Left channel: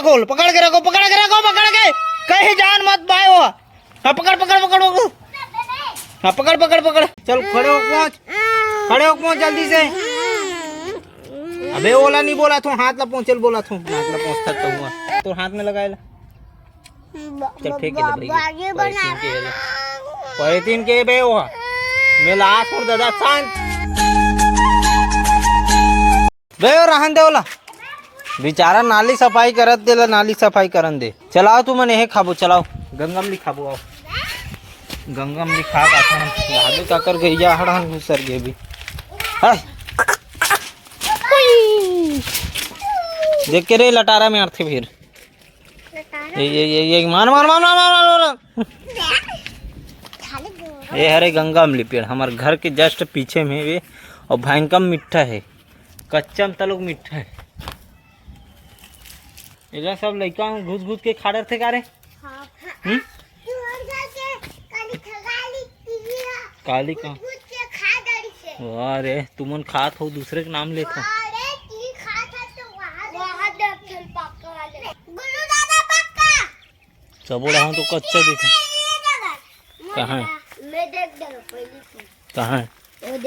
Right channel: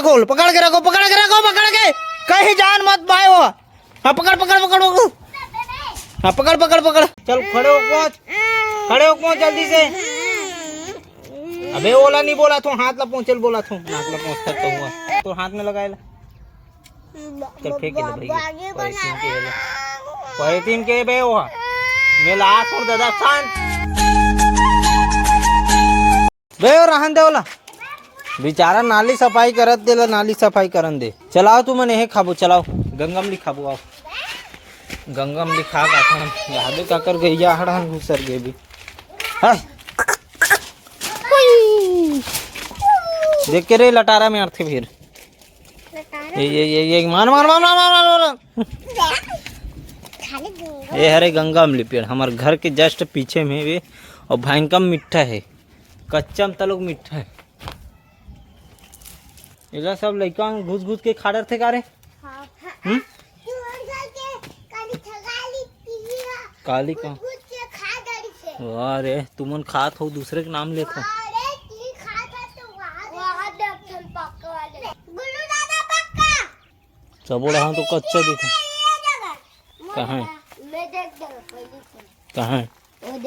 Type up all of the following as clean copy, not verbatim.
खोल, पकड़ के रखो, पकड़ के रखो, पकड़ के कहीं जान मत पाए। हाँ पकड़ पकड़ पकड़, हाँ पकड़ पकड़ पकड़, चल खड़े हो पहुंच, खड़े हो पहुंच जल्दी से। अबे ओला नहीं बोला तू, हाथ ला पहुंचल बोला तू, हाथ ला पहुंच सकता हुआ तो हाथ में लगाए ला। चल फेंक के ले पॉलिथीन के बे वो मेला आस और दादा शांत बे और रहन दे ओला बेचारा नाली सफाई करत दे ला, नाली सफाई करन दे। चलाओ तू मने हे खाबो, चलाओ गंगम ली खाबो, आओ गंगम ली खा का यादे का कर गैया हड़न घुसर गे भी। हाय देख के रे लटारा में अर्थे फिर ये मार मार मार मार मार मार। ये हरे गंगा अमली पेड़ हमारे घर के जस्ट पीछे में वे, और भयंकर मीठा है, कच्चा में तलोग मीठा है। इधर सब लड़का घुस घुस के खा रहे थे का रे? काली का अरे तुमन खात हो, दूसरे के नाम लेते हो। सब रहा तो कच्चा दिखा। कहाँ है? कहाँ है?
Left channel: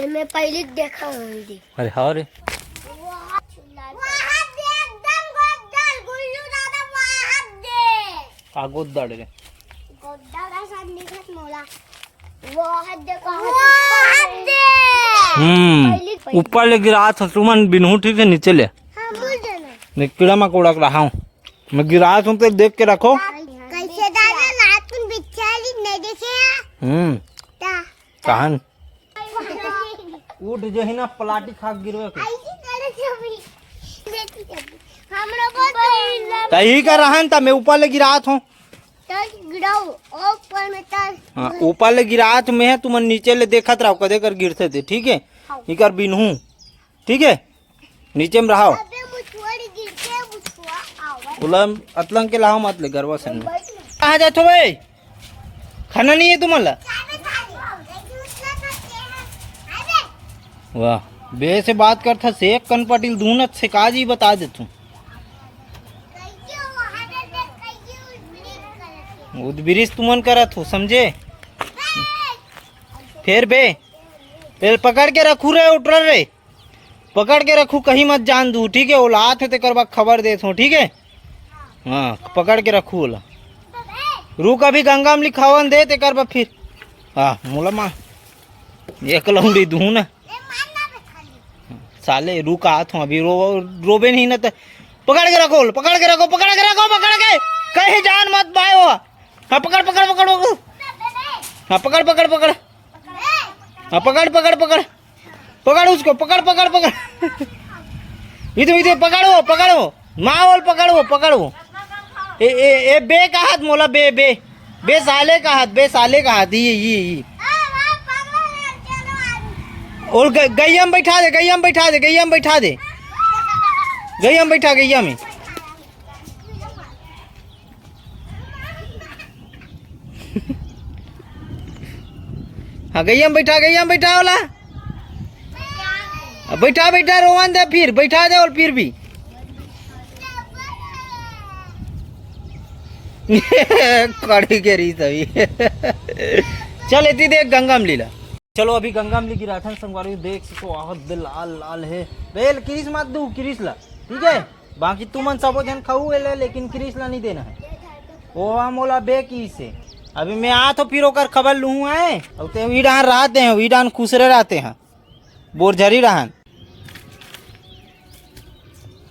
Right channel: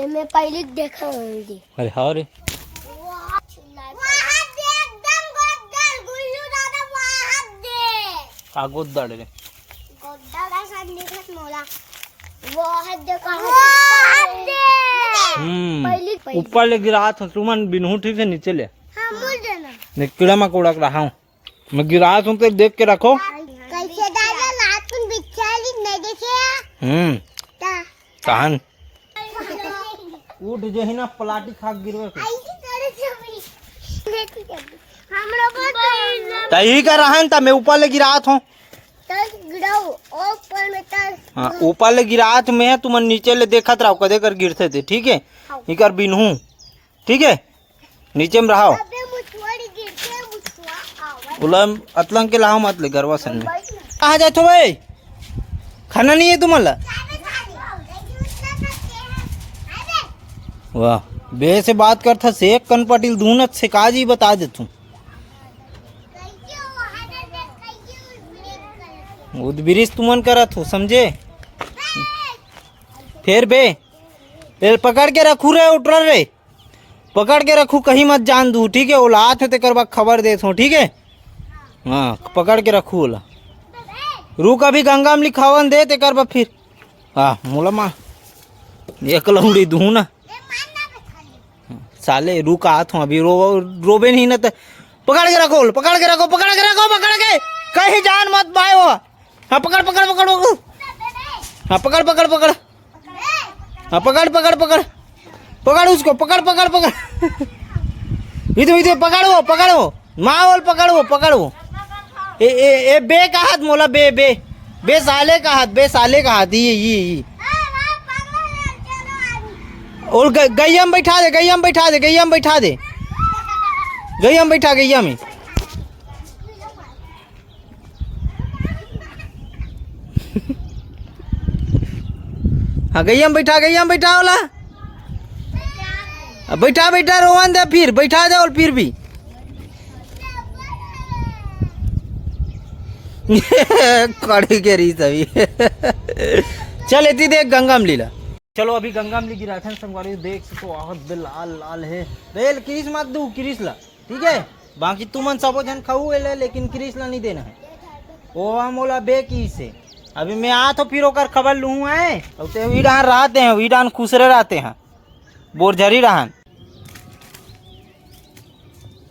मैं पहले देखा। अरे हाँ रे का गोद्दाड़ रे ऊपर ले गिरा था तुमन बिनहू ठीक है नीचे ले। मैं कीड़ा मकोड़ा रहा हूँ, मैं गिरा हूँ तो देख के रखो। कैसे दादा लात में बिछाली नहीं देखे कहान उठ जो है ना पलाटी खा गिरवे तही का रहन था। मैं ऊपर ले गिरात हूँ, हाँ ऊपर ले गिरात में है, तुम नीचे ले देखत रहो कदे कर गिरते थे। ठीक है इकर बिनहू, ठीक है नीचे में रहो। उलम अतलंग के लाओ मत ले गरवा सन में कहाँ जाते हो भाई? खाना नहीं है तुम्हारा? वाह बे से बात करता शेख कन पटिल दूनत से काजी बता दे तू। उद्बिरिश तुमन करत हो समझे? फिर बे फिर पकड़ के रखू रे, उठ रे पकड़ के रखू, कहीं मत जान दू। ठीक है ओला हाथ ते करवा खबर दे तू, ठीक है हाँ पकड़ के रखू ओला। रुक अभी गंगा में लिखावन दे ते करवा फिर। हाँ मोला माँ एक लौंडी दू ना साले रुक आत हूँ अभी, रोबे नहीं ना तो पकड़ के रखो, पकड़ के रखो, पकड़ के रखो, पकड़ के कहीं जान मत पाए हो। हाँ पकड़ पकड़ पकड़, हाँ पकड़ पकड़ पकड़, हाँ पकड़ पकड़ पकड़ पकड़ उसको, पकड़ पकड़ पकड़ इधर इधर पकड़ो पकड़ो माओल पकड़ो पकड़ो। ए बे का हाथ मोला, बे बे बे साले का हाथ, बे साले का हाथ ये और गैया में बैठा दे, गैया में बैठा दे, गैया में बैठा दे, गैया में बैठा, गैया में हाँ गैया में बैठा, गैया में बैठा वाला बैठा बैठा रोवन दे फिर बैठा दे और फिर भी कड़ी के री सभी चल इतनी देख गंगा में लीला। चलो अभी गंगा में ली राठन संगवारी देख सको आहत लाल लाल है बेल क्रिस मत दू क्रिस ला, ठीक है बाकी तुमन सबो जन खाऊ ले, लेकिन क्रिस ला नहीं देना है। ओ मोला बे की से अभी मैं आ तो फिर ओकर खबर लूँ है और ते वीडान रहते हैं, वीडान खुसरे रहते हैं बोरझरी रहन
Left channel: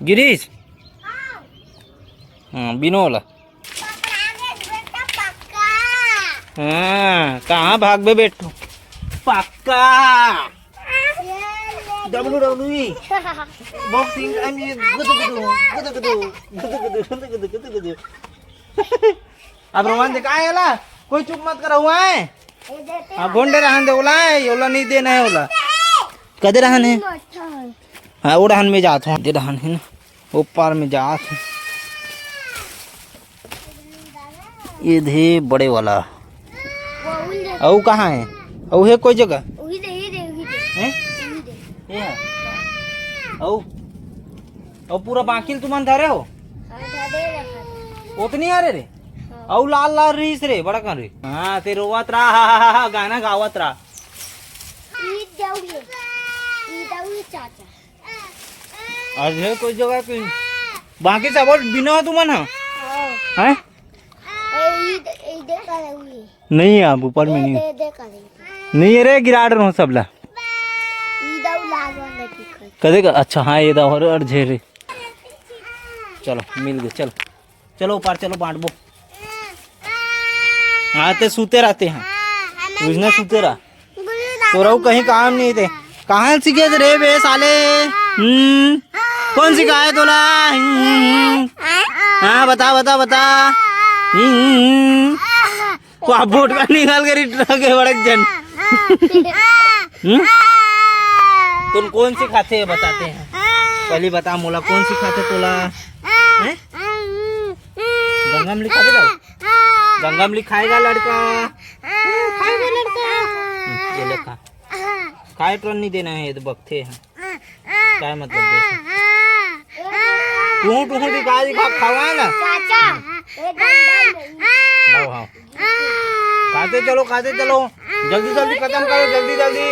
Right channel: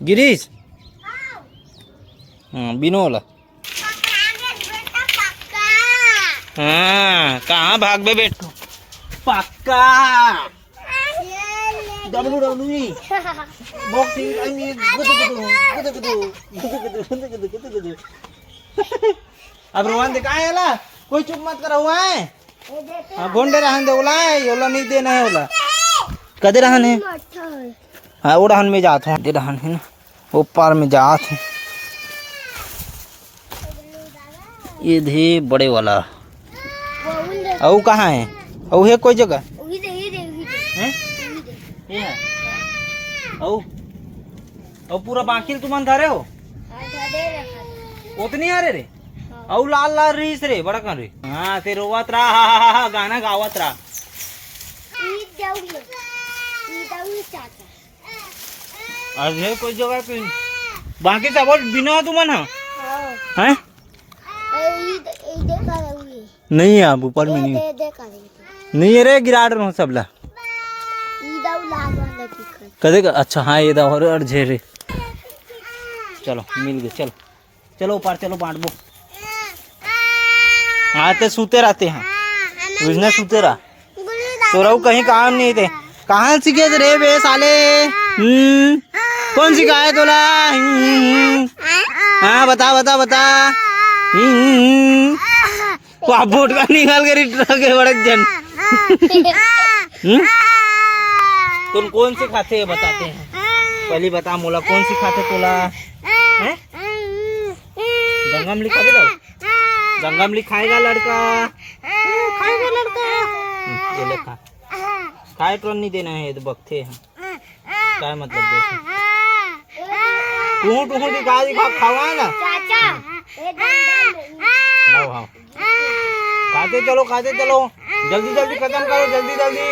गिरीश हाँ बिनोला हाँ कहाँ भाग बे बेटू पक्का डब्लू डब्लू बॉक्सिंग अब रोहन दे कहाँ है कोई चुप मत करा हुआ है। हाँ गोंडे रहन दे ओला है, ओला नहीं देना है ओला कदे रहन है। हाँ वो रहन में जाता हूँ, दे रहन है ना ऊपर में जात हूँ ये धे बड़े वाला। औ कहाँ है? औ है कोई जगह औ पूरा बाकी तुम धरे हो उतनी अरे रे औ लाल लाल रीस रे बड़ा कर रे हाँ ते रोवत रहा हा गाना गावत रहा अरे कोई जगह कोई बाकी सब और बिना तुमन हाँ हैं नहीं है अब ऊपर में नहीं अरे गिरा रहा हूँ सबला कदे का अच्छा हाँ ये दा और झेरे चलो मिल गए चलो चलो ऊपर चलो बांट बो हाँ ते सूते रहते हैं उसने सूते रहा तो रहू कहीं काम नहीं थे कहाँ सीखे रे बे साले कौन सिखाया तोला हाँ बता बता बता वहाँ बोट का निकाल कर ट्रक है बड़क जन तुम कौन सिखाते हैं बताते हैं पहले बता मोला कौन सिखाते तोला गंगा में लिखा दे गंगा में लिखाएगा लड़का खाएगा लड़का ये लिखा काय कर नहीं देना है ये तो बकथे हैं क्या मतलब देखे तू तू दिखा खावा ना हाँ हाँ खाते चलो जल्दी जल्दी खत्म करो जल्दी जल्दी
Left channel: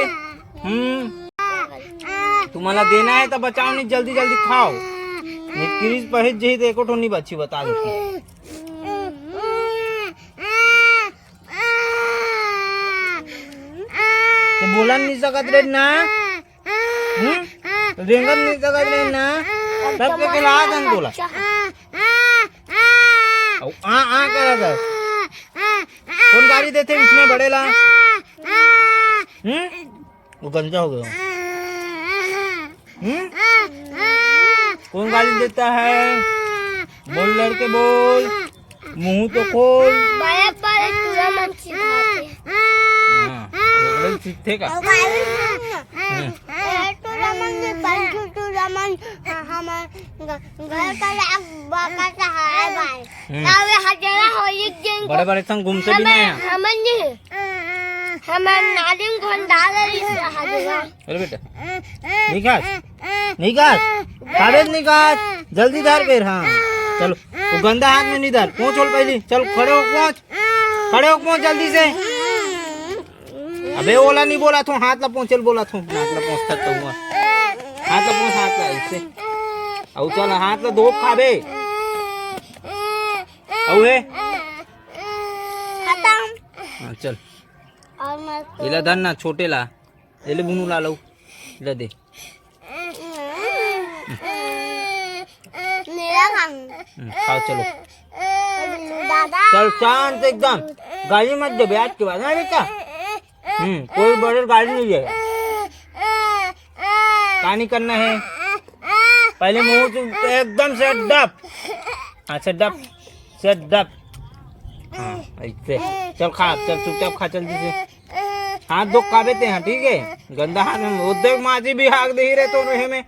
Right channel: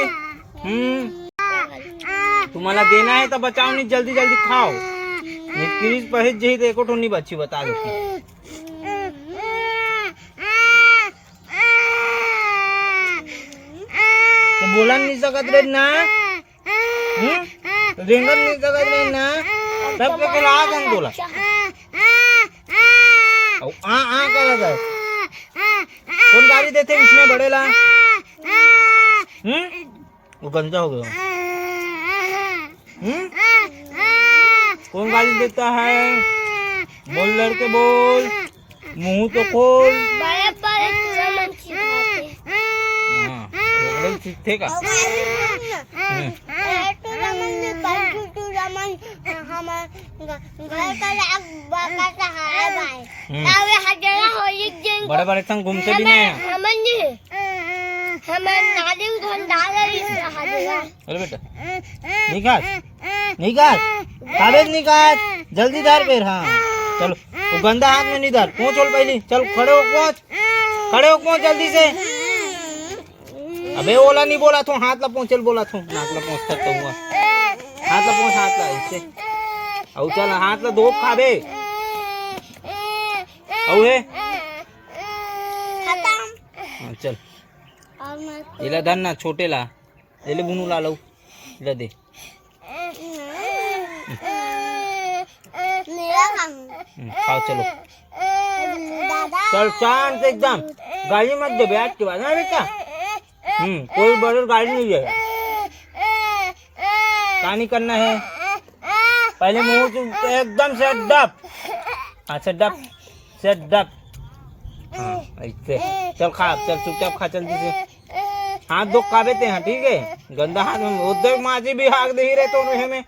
तुम्हारा देना है तो बचाओ नहीं जल्दी जल्दी खाओ क्रीज पहच जही तो एको नहीं बची बता दो तो बोला नहीं सकत रे ना रेंगत नहीं सकत रे ना सब के खिला दन बोला आ करा था कौन गाड़ी देते इसमें बड़ेला वो गंजा हो गया कौन गाली देता है बोल लड़के बोल मुंह तो खोल सीखे का बड़े बड़े संग घूमते भी नहीं अरे बेटा निकाल कागज निकाल जल्दी धर कर हाँ चलो वो गंदा हाथ में नहीं धर पहुँच पहले चल खड़े हो पहुँच जल्दी से अबे ओला नहीं बोला तू हाथ ला पहुँचल बोला तू हाथ ला पहुँच सकता हुआ हाथ ला इससे औ चल हाथ ला धोप खा दे औ है हाँ चल इला धन ना छोटे ला ले बुनू ला लो इला दे खाओ चलो चल शांत एकदम गाड़ी मत दे आज के बाद ना बेटा कोई बड़े गाड़ी नहीं है पानी करना है पहले मुंह एकदम से डप हाँ से डप हाँ ऐसे चल खा चल चुपचाप खा जल्दी से हाथ दो काबेते हैं ठीक है गंदा हाथ में उद्योग माजी भी हाक दे ही रहे तो रहे में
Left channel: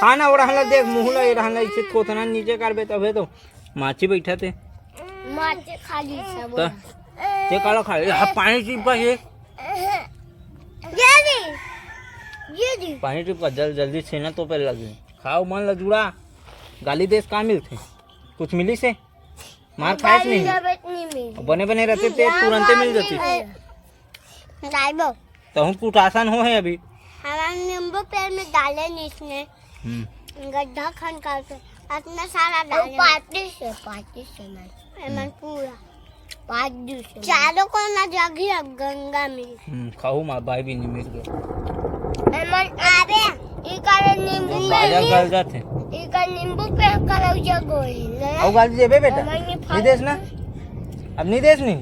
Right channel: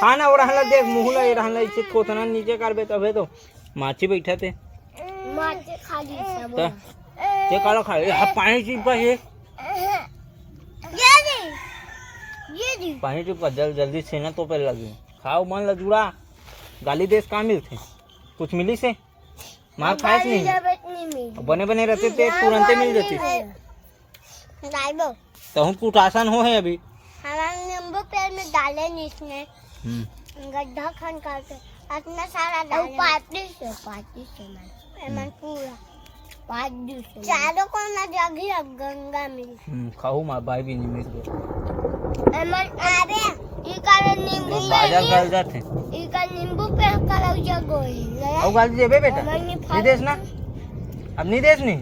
खाना और रहला देख मुंह ला रहला इसे कोतना नीचे कर बे तबे तो माची बैठा थे माची खाली सब ये काला खा पानी चिपका ये पानी चिपका जल्दी से ना तो पहले लगे खाओ मन ला जुड़ा गाली देश कहाँ मिलते कुछ मिली से मार खाए नहीं बने बने रहते थे तुरंत मिल जाती तो हम कुछ आसान हो है अभी हमारे नींबू पेड़ में डाले नहीं इसने गड्ढा खन करके इतना सारा डाले पार्टी से मैं पूरा पार्टी से चारों को ना जगी गंगा में खाओ मार भाई भी नहीं मिल गए अरे ये कारण नींबू बाजार कर जाते ये कारण नींबू पेड़ का जगह और गाली देबे बेटा नहीं देस ना अब नहीं देस नहीं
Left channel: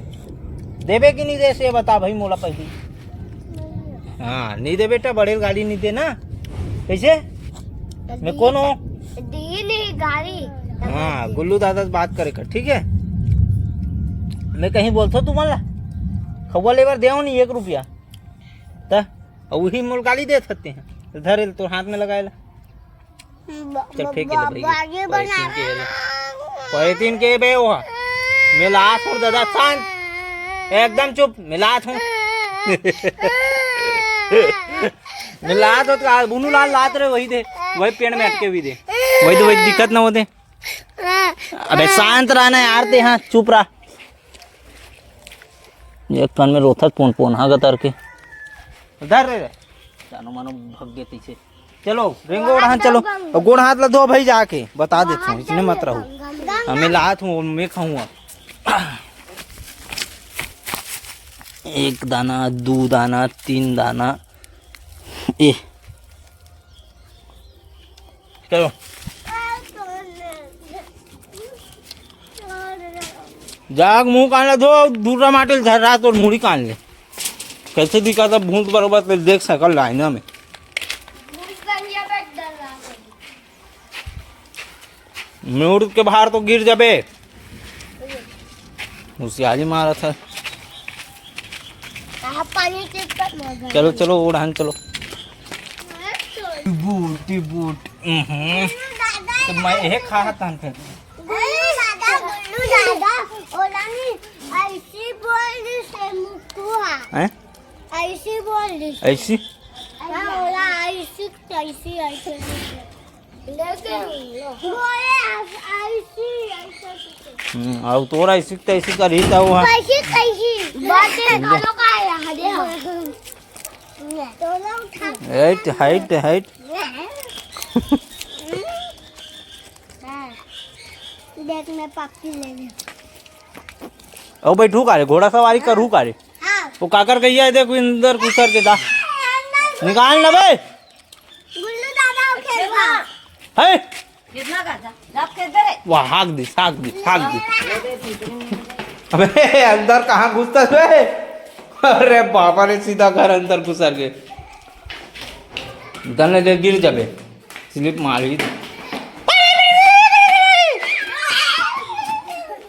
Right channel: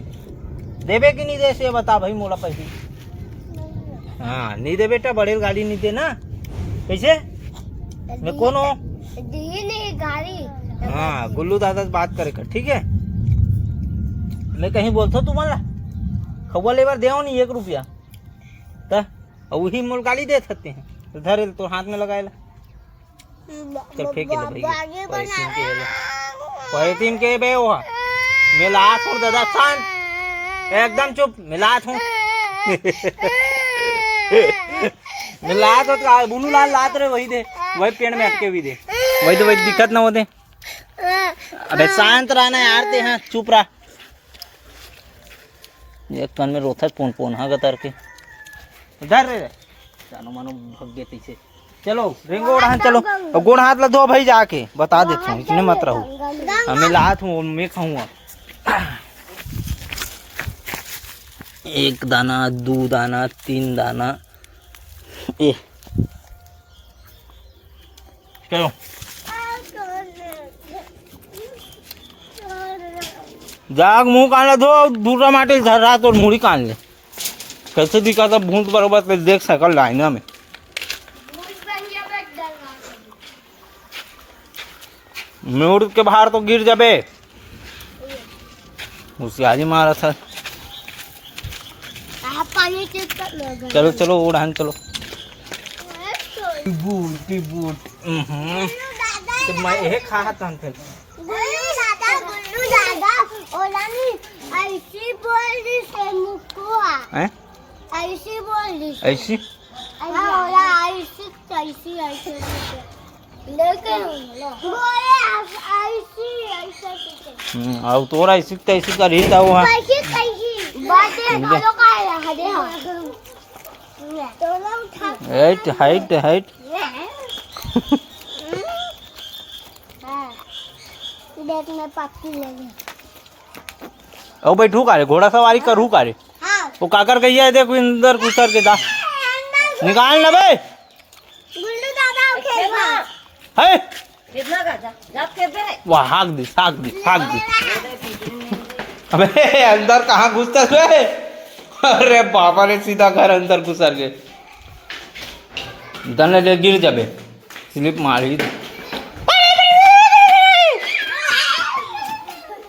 देबे कि नहीं देस ये बता भाई मोला पैसे हाँ नहीं दे बेटा बड़े गाड़ी नहीं दे ना कैसे मैं कौन हो दी नहीं गाड़ी हाँ गुल्लू दादा से बात करे कर ठीक है मैं कहीं बोलता हूँ तुम्हारा खबर लेवर दे नहीं 1 रुपया तो वही मोल गाली दे सकते हैं धरे तो हाथ में लगाए चल फेंके ले भाई पॉलिथीन के बे वो मिलात हूँ दादा शांत एकदम चुप मिलात हूँ मिलात हो तो बुनू लाल लात रहे वही दे वही पेड़ में अटके भी दे वही तो वही दिक्कत ना हो दे अबे शांत रहना यार ते हाँ चुप रहा। एक कान में रोथत पोन पोन हाँ गतर के उधर रे जानो मानो भग गए तीसे। चलो रेंगो उड़ान चलो और गोड़ हाथ ला धो भाई जाके बता देता हूँ इसने मत रहो। हमें लात हूँ मैं खाऊंगा। एक दाना दो दाना तीन दाना ए चलो जाग मुंह कान ला धो दूसरा माटिल धरा तो मुड़ी कान ले कैसे दिखा था भूत बरोबर तो देख सकल लाइना में। मुड़ के बाहर तो गिर जाबे होशियारी मारा था। पानी चलो चलो उड़ान चलो। बूट बूट तो मैं एक खा था फिर दादा बोलू दादा ओलानी ऐसी बोल दी से मुकुआ हैं ऐसी बोल दी ऐसी हां ओला ऐसी ऐसी ऐसी लेकिन बोले ऐसी अब तोरा ऐसी तैसी का रीता हुआ कैसी कैसी बातें तो काय हदे तोला उठा हाइट हाइट हाइट देख मैं पापी ले ले ओ बैठू का रे घोड़ा सवारी करू का रे हां वो काकर गैया है देखो अंदर घुसर के दा निकाल ना बे गुल्लू दादा खेलवा है कितना का जा के दे रे वाह हाक दी अबे अंदर कहाँ घुसता है। अरे बाबा रे सीधा घर अंदर घुसर के दने गिर जाबे स्लिप मारी।